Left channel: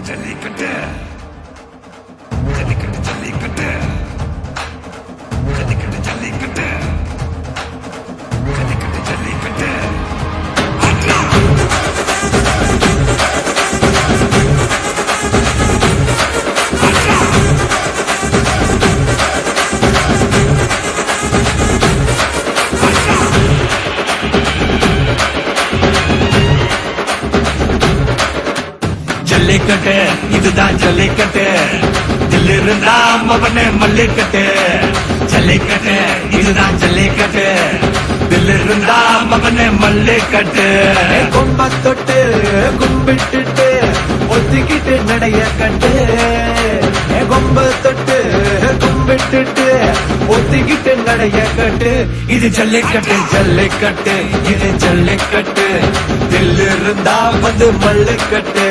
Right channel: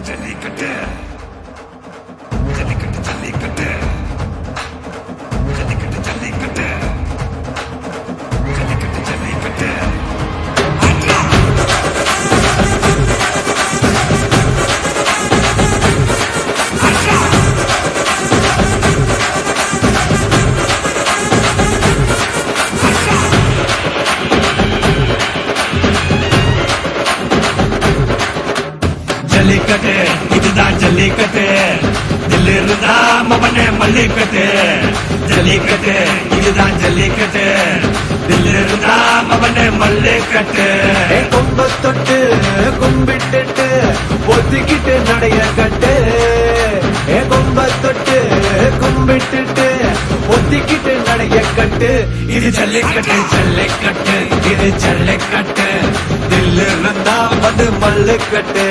It's a leak of. Jallikattu இதுதான் ஜல்லிக்கட்டு. தில்லு இருந்தா மவனே மல்லிக்கட்டு. ஜல்லிக்கட்டு இதுதான் ஜல்லிக்கட்டு. தில்லு இருந்தா மவனே மல்லிக்கட்டு. கும்ப தொட்டு கும்பிட்டுட்டு ஒத்திக்கிட்டு நடைய கட்டு கும்ப தொட்டு கும்பிட்டுட்டு ஒத்திக்கிட்டு நடைய கட்டு இது ஜல்லிக்கட்டு. ஜல்லிக்கட்டு இது ஜல்லிக்கட்டு. இருந்தா வந்து மல்லுக்கட்டு.